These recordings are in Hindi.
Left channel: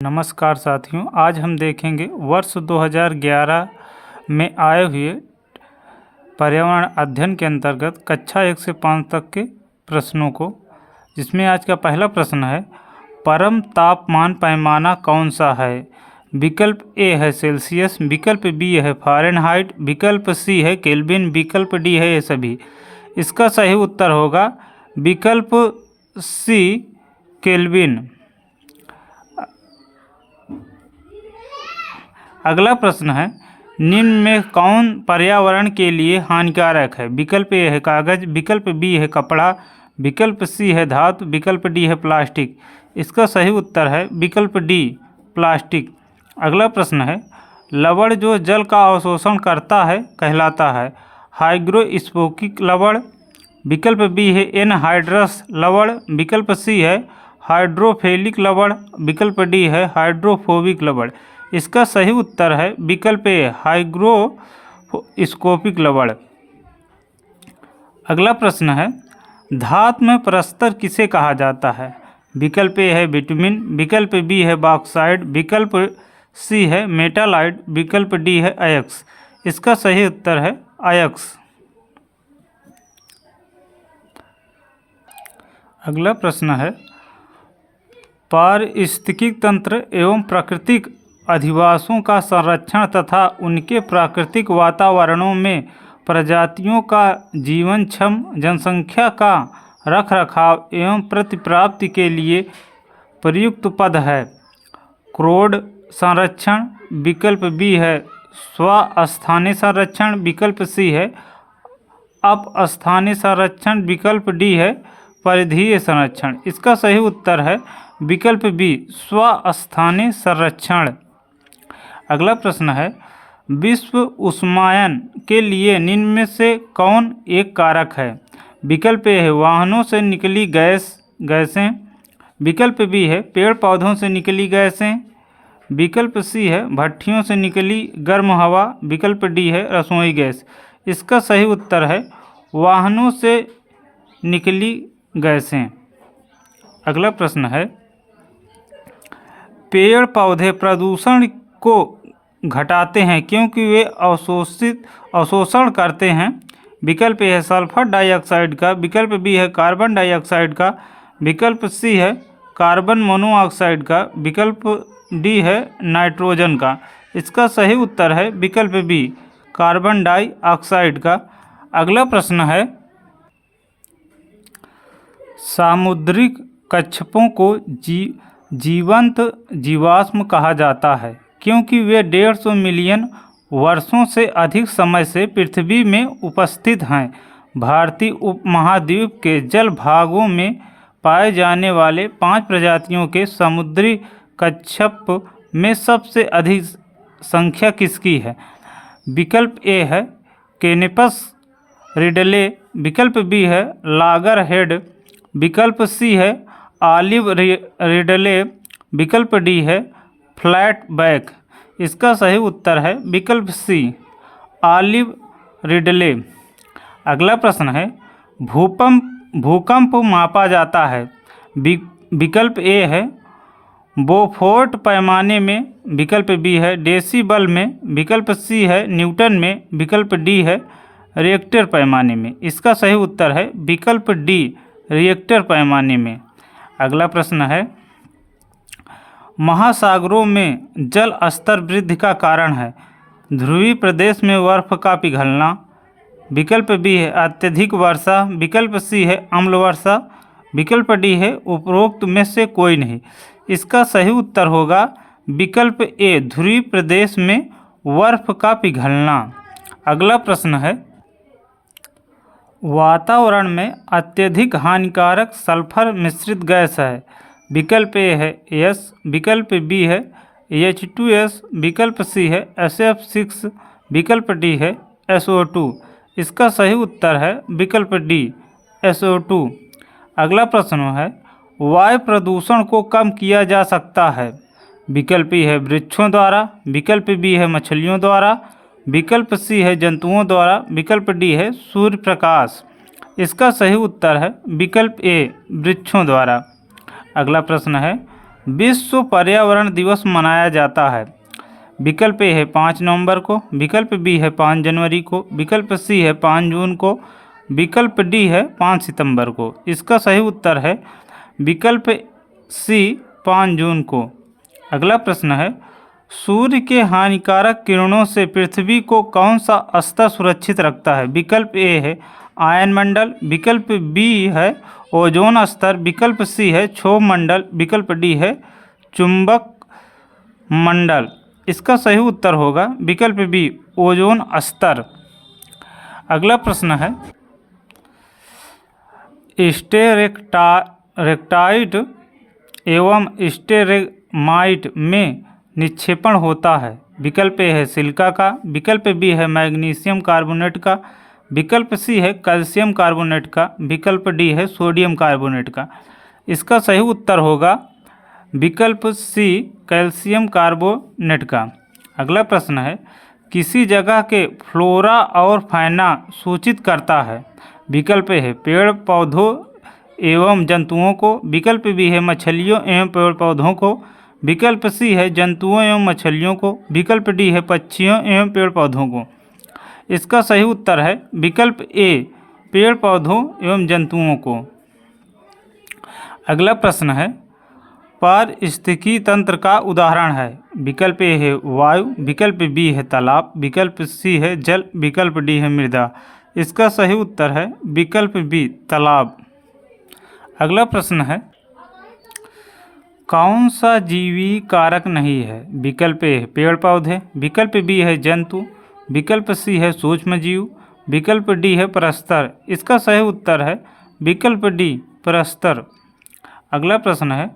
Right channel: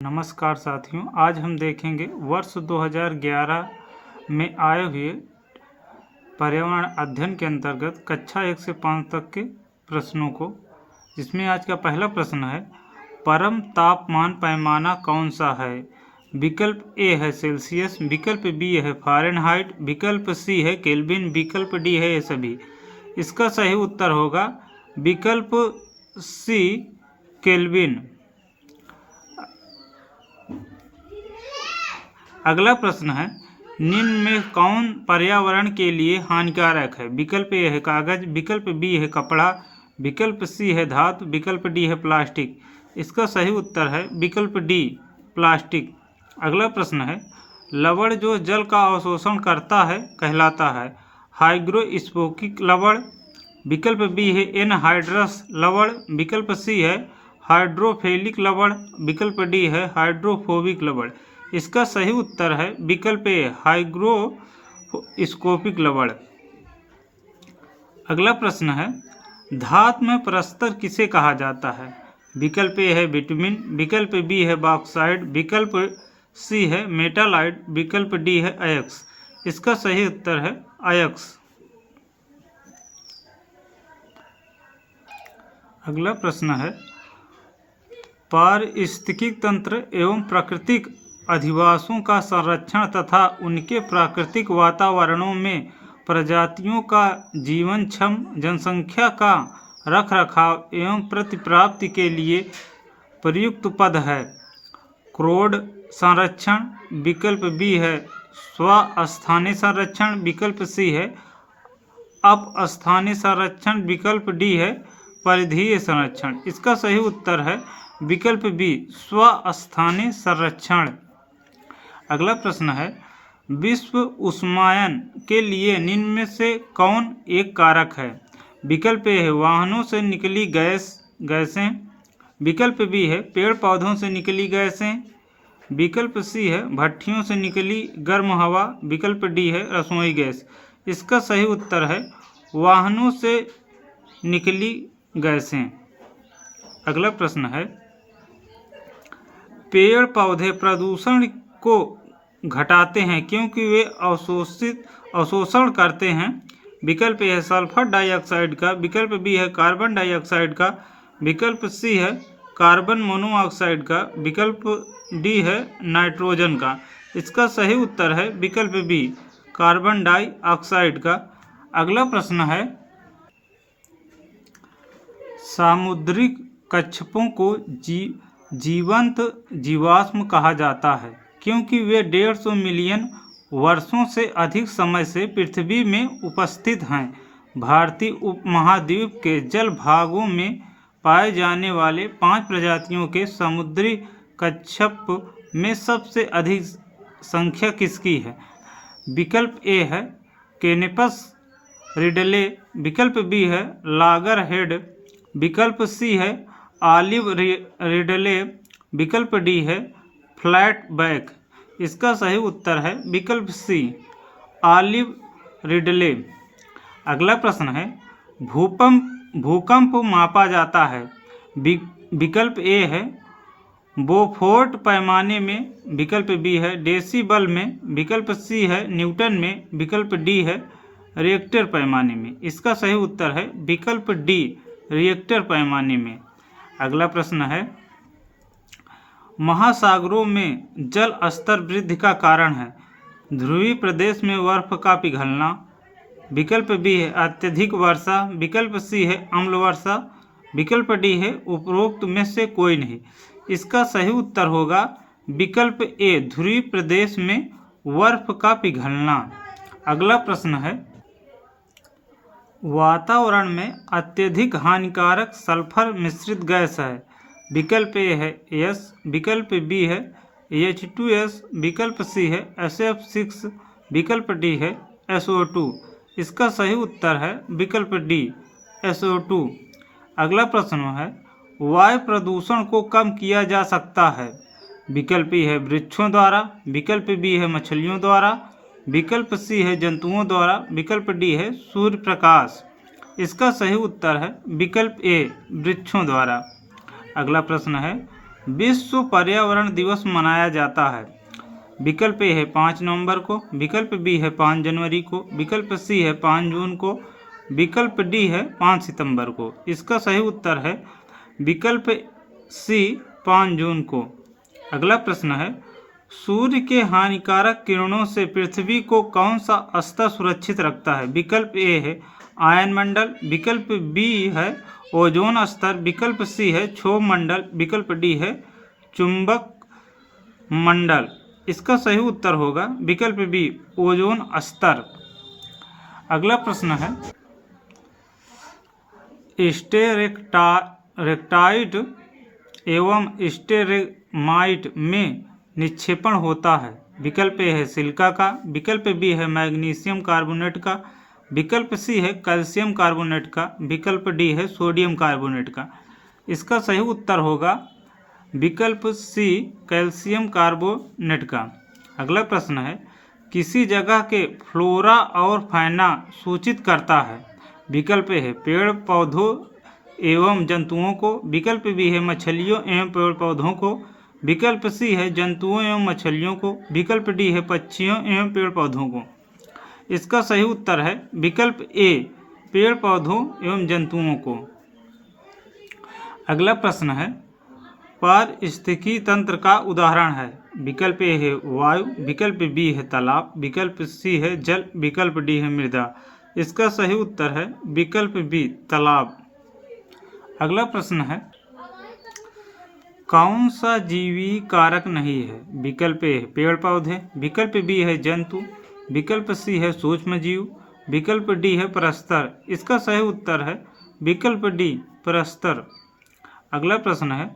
नमस्कार साथियों, आज हम देखेंगे वर्ष 2011 में आए हुए पर्यावरण अध्ययन के अंतर्गत कक्षा 1 से 5 तक के प्रश्नों को, जिसमें आज का पहला प्रश्न है, परम तापमान पैमाना कौन सा है। विकल्प ए है सेल्सियस, विकल्प बी है फ़ारेनहाइट, विकल्प सी है केल्विन, विकल्प डी है ये सभी। इसका सही उत्तर होगा विकल्प सी केल्विन। अगला प्रश्न है, निम्न में कौन पर्यावरण के लिए हानिकारक है। विकल्प ए है कागज, विकल्प बी है कपड़ा, विकल्प सी है धातु, विकल्प डी है प्लास्टिक। इसका सही उत्तर है विकल्प डी प्लास्टिक। अगला प्रश्न है, लवण जो जल का अवशोषण करता है कहलाता है हाइग्रोस्कोपिक लवण, विकल्प बी है एनहाइड्रस लवण, विकल्प सी है हाइड्रोफिलिक लवण, विकल्प डी है हाइड्रोफोबिक लवण। इसका सही उत्तर है विकल्प ए हाइग्रोस्कोपिक लवण। अगला प्रश्न है, धातु में परस्तर किसे कहा जाता है। विकल्प ए है बिटुमिन, विकल्प बी है बॉक्साइड, विकल्प सी है मेटालाइट, विकल्प डी है अयस्क। इसका सही उत्तर है अयस्क। अगला प्रश्न है, पारिस्थितिकी तंत्र एवं प्राकृतिक अधिवासों का संरक्षण तथा उनके प्राकृतिक वातावरणों में प्रजातियों का जीवनक्षम जनसंख्या का रखरखाव एवं प्रतिप्राप्ति के लिए प्रयुक्त पद है। क्रोड संरक्षण, विकल्प बी है स्वस्थानीय संरक्षण, विकल्प सी है अपस्थानीय संरक्षण, विकल्प डी है परिधीय संरक्षण। इसका सही उत्तर है विकल्प बी स्वस्थानीय संरक्षण। अगला प्रश्न है, विश्व उष्मायन के लिए निम्न में से कौन एक कारक है। विकल्प ए है वाहनों से निकली गैसें, विकल्प बी है पेड़ पौधों से निकली गैसें, विकल्प सी है भट्ठियों से निकली गर्म हवा, विकल्प डी है रसोई गैस। इसका सही उत्तर है वाहनों से निकली गैसें। अगला प्रश्न है, पेड़ पौधे प्रदूषण को घटाते हैं क्योंकि वे अवशोषण करते हैं। विकल्प ए है सल्फर डाइऑक्साइड का, विकल्प बी है कार्बन डाइऑक्साइड का, विकल्प सी है कार्बन मोनोऑक्साइड का, विकल्प डी है नाइट्रोजन का। इसका सही उत्तर है विकल्प बी कार्बन डाइऑक्साइड का। अगला प्रश्न है, सामुद्रिक कच्छपों को जीवंत जीवाश्म कहा जाता है क्योंकि वे 150 मिलियन वर्षों से अधिक समय से पृथ्वी में उपस्थित हैं। भारतीय उपमहाद्वीप के जल भागों में पाए जाने वाले 5 प्रजातियों के समुद्री कच्छप में सबसे अधिक संख्या किसकी है। विकल्प ए है केनिपस रिडले, विकल्प बी है लागरहेड, विकल्प सी है ऑलिव रिडले, विकल्प डी है फ्लैट बैक। इसका सही उत्तर है विकल्प सी ऑलिव रिडले। अगला प्रश्न है, भूकंप मापा जाता है। विकल्प ए है बोफोर्ट पैमाने में, विकल्प बी है डेसिबल में, विकल्प सी है न्यूटन में, विकल्प डी है रिएक्टर पैमाने में। इसका सही उत्तर है विकल्प डी रिएक्टर पैमाने में। अगला प्रश्न है, महासागरों में जल स्तर वृद्धि का कारण है। ध्रुवीय प्रदेश में बर्फ का पिघलना, विकल्प बी है अत्यधिक वर्षा, विकल्प सी है अम्ल वर्षा, विकल्प डी है उपरोक्त में से कोई नहीं। इसका सही उत्तर होगा विकल्प ए ध्रुवीय प्रदेश में बर्फ का पिघलना। अगला प्रश्न है, वातावरण में अत्यधिक हानिकारक सल्फर मिश्रित गैस है। विकल्प ए है एस, विकल्प बी है H2S, विकल्प सी है SF6, विकल्प डी है SO2। इसका सही उत्तर है विकल्प डी SO2। अगला प्रश्न है, वायु प्रदूषण को कम किया जा सकता है। विकल्प ए है वृक्षों द्वारा, विकल्प बी है मछलियों द्वारा, विकल्प सी है जंतुओं द्वारा, विकल्प डी है सूर्य प्रकाश। इसका सही उत्तर है विकल्प ए वृक्षों द्वारा। अगला प्रश्न है, विश्व पर्यावरण दिवस मनाया जाता है? विकल्प ए है 5 नवंबर को, विकल्प बी है 5 जनवरी को, विकल्प सी है 5 जून को, विकल्प डी है 5 सितंबर को। इसका सही उत्तर है विकल्प सी 5 जून को। अगला प्रश्न है, सूर्य के हानिकारक किरणों से पृथ्वी को कौन सा स्तर सुरक्षित रखता है? विकल्प ए है आयन मंडल, विकल्प बी है ओजोन स्तर, विकल्प सी है क्षोभ मंडल, विकल्प डी है चुंबक मंडल। इसका सही उत्तर होगा विकल्प बी ओजोन स्तर। अगला प्रश्न है, स्टेरेक्टाइट एवं स्टेरेमाइट में निक्षेपण होता है? विकल्प ए है सिलिका का, विकल्प बी है मैग्नीशियम कार्बोनेट का, विकल्प सी है कैल्शियम कार्बोनेट का, विकल्प डी है सोडियम कार्बोनेट का। इसका सही उत्तर होगा विकल्प सी कैल्शियम कार्बोनेट का। अगला प्रश्न है, किसी जगह के फ्लोरा और फैना सूचित करता है? विकल्प ए है पेड़ पौधों एवं जंतुओं को, विकल्प बी है मछलियों एवं पेड़ पौधों को, विकल्प सी है जंतुओं एवं मछलियों को, विकल्प डी है पक्षियों एवं पेड़ पौधों को। इसका सही उत्तर है विकल्प ए पेड़ पौधों एवं जंतुओं को। अगला प्रश्न है, पारिस्थितिकी तंत्र का उदाहरण है? विकल्प ए है वायु, विकल्प बी है तालाब, विकल्प सी है जल, विकल्प डी है मृदा। इसका सही उत्तर है विकल्प बी तालाब। अगला प्रश्न है, कौन सा जीवी कारक नहीं है? विकल्प ए है पेड़ पौधे, विकल्प बी है जंतु, विकल्प सी है सूक्ष्म जीव, विकल्प डी है परस्तर। इसका सही उत्तर है विकल्प डी परस्तर। अगला प्रश्न है,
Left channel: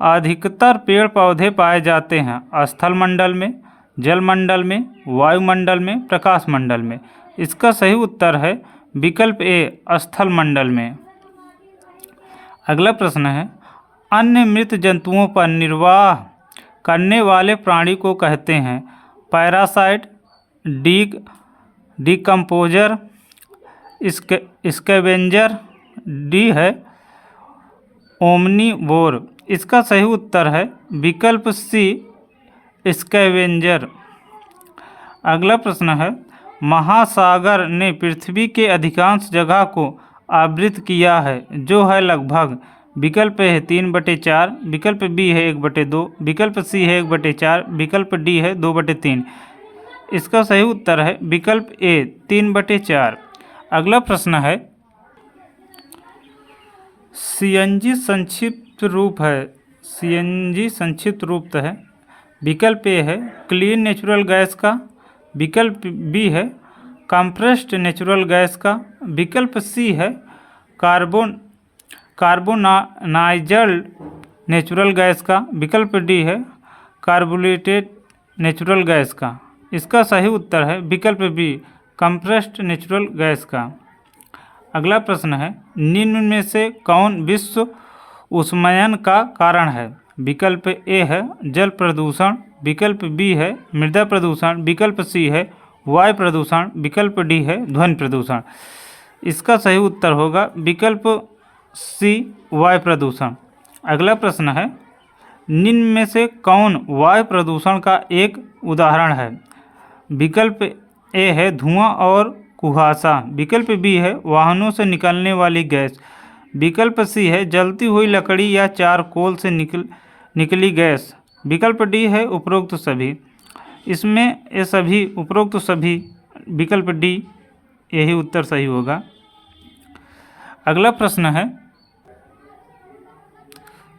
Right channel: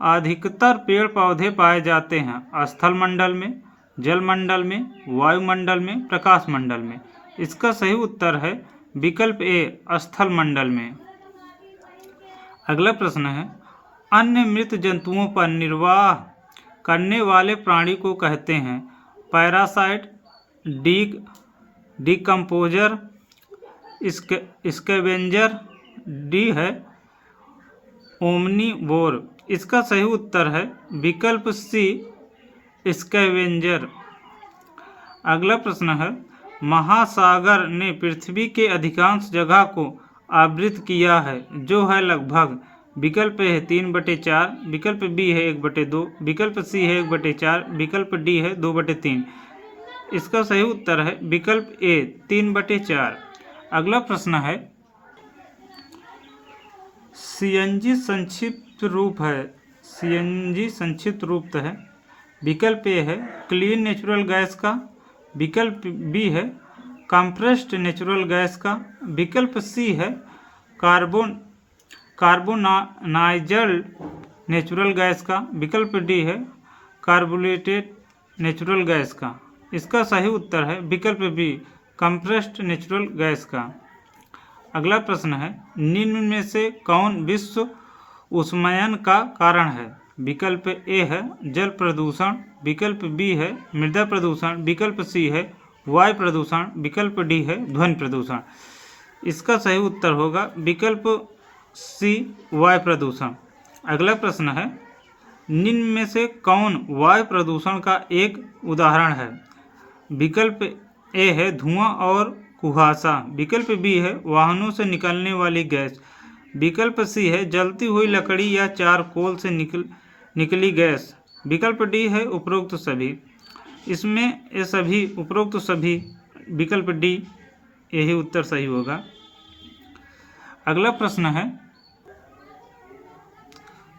अधिकतर पेड़ पौधे पाए जाते हैं स्थल मंडल में, जल मंडल में, वायुमंडल में, प्रकाश मंडल में। इसका सही उत्तर है विकल्प ए स्थल मंडल में। अगला प्रश्न है, अन्य मृत जंतुओं पर निर्वाह करने वाले प्राणी को कहते हैं? पैरासाइट, डिकम्पोजर, स्कैवेंजर, डी है ओमनीवोर। इसका सही उत्तर है विकल्प सी स्कैवेंजर। अगला प्रश्न है, महासागर ने पृथ्वी के अधिकांश जगह को आवृत किया है जो है लगभग? विकल्प ए है 3/4, विकल्प बी है 1/2, विकल्प सी है 1/4, विकल्प डी है 2/3। इसका सही उत्तर है विकल्प ए 3/4। अगला प्रश्न है, सीएनजी संक्षिप्त रूप है? सीएनजी संक्षिप्त रूप है विकल्प ए है क्लीन नेचुरल गैस का, विकल्प बी है कंप्रेस्ड नेचुरल गैस का, विकल्प सी है कार्बोनाइज्ड नेचुरल गैस का, विकल्प डी है कार्बोरेटेड नेचुरल गैस का। इसका सही उत्तर है विकल्प बी कंप्रेस्ड नेचुरल गैस का। अगला प्रश्न है, निम्न में से कौन विश्व उष्मायन का कारण है? विकल्प ए है जल प्रदूषण, विकल्प बी है मृदा प्रदूषण, विकल्प सी है वायु प्रदूषण, विकल्प डी है ध्वनि प्रदूषण। इसका सही उत्तर होगा विकल्प सी वायु प्रदूषण। अगला प्रश्न है, निम्न में से कौन वायु प्रदूषण का एक उदाहरण है? विकल्प ए है धुआं और कुहासा, विकल्प बी है वाहनों से निकलने वाली गैस, विकल्प सी है जलती हुई लकड़ी या चारकोल से निकली गैस, विकल्प डी है उपरोक्त सभी। इसमें ये सभी उपरोक्त सभी विकल्प डी यही उत्तर सही होगा। अगला प्रश्न है,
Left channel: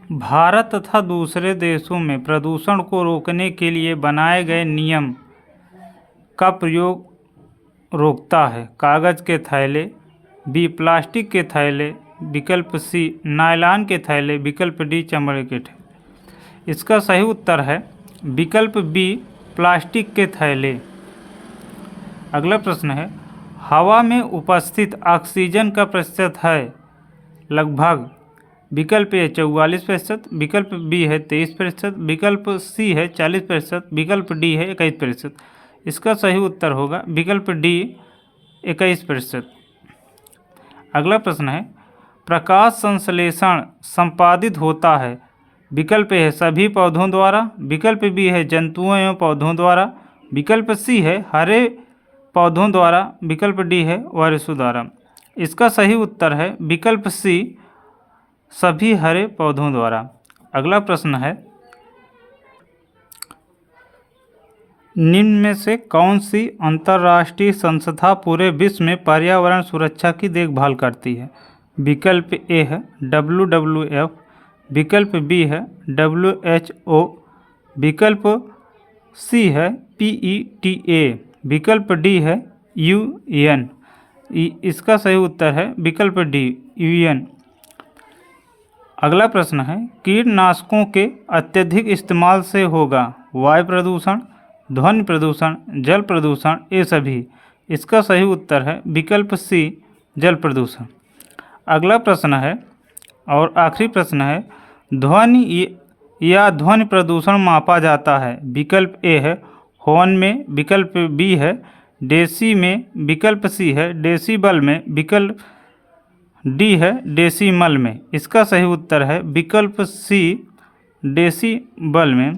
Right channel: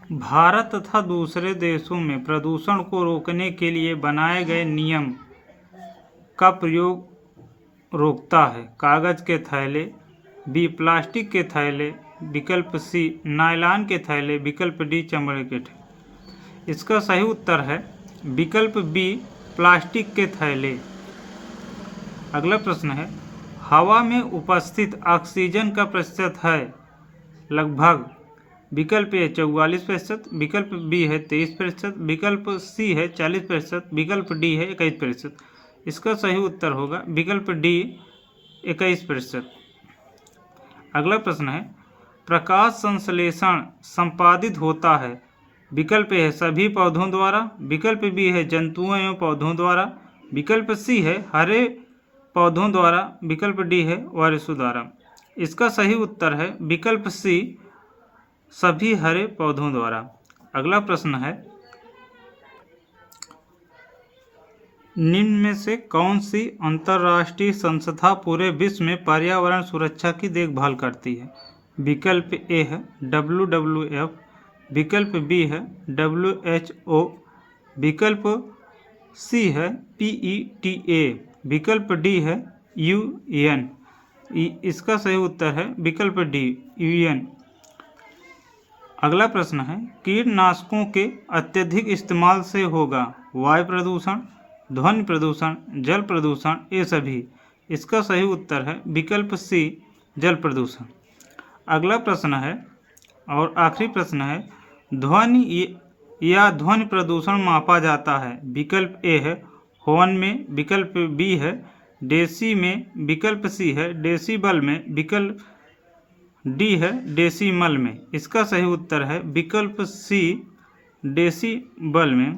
भारत तथा दूसरे देशों में प्रदूषण को रोकने के लिए बनाए गए नियम का प्रयोग रोकता है? कागज़ के थैले, बी प्लास्टिक के थैले, विकल्प सी नायलॉन के थैले, विकल्प डी चमड़े के थैले। इसका सही उत्तर है विकल्प बी प्लास्टिक के थैले। अगला प्रश्न है, हवा में उपस्थित ऑक्सीजन का प्रतिशत है लगभग? विकल्प ए 44%, विकल्प बी है 23%, विकल्प सी है 40%, विकल्प डी है 21%। इसका सही उत्तर होगा विकल्प डी 21%। अगला प्रश्न है, प्रकाश संश्लेषण संपादित होता है विकल्प ए है सभी पौधों द्वारा, विकल्प बी है जंतुओं एवं पौधों द्वारा, विकल्प सी है हरे पौधों द्वारा, विकल्प डी है वायरसों द्वारा। इसका सही उत्तर है विकल्प सी सभी हरे पौधों द्वारा। अगला प्रश्न है निम्न में से कौन सी अंतर्राष्ट्रीय संस्था पूरे विश्व में पर्यावरण सुरक्षा की देखभाल करती है? विकल्प ए है WWF, विकल्प बी है WHO, विकल्प सी है PETA, विकल्प डी है UN। इसका सही उत्तर है विकल्प डी UN। अगला प्रश्न है कीटनाशकों के अत्यधिक इस्तेमाल से होगा वायु प्रदूषण, ध्वनि प्रदूषण, जल प्रदूषण, ये सभी। इसका सही उत्तर है विकल्प सी जल प्रदूषण। अगला प्रश्न है और आखिरी प्रश्न है ध्वनि या ध्वनि प्रदूषण मापा जाता है? विकल्प ए है हॉर्न में, विकल्प बी है डेसी में, विकल्प सी है डेसीबल में, विकल्प डी है डेसीमल में। इसका सही उत्तर है विकल्प सी डेसीबल में।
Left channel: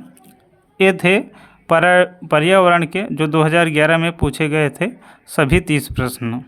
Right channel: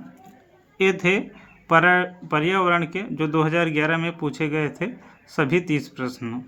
ये थे पर्यावरण के जो 2011 में पूछे गए थे सभी 30 प्रश्न।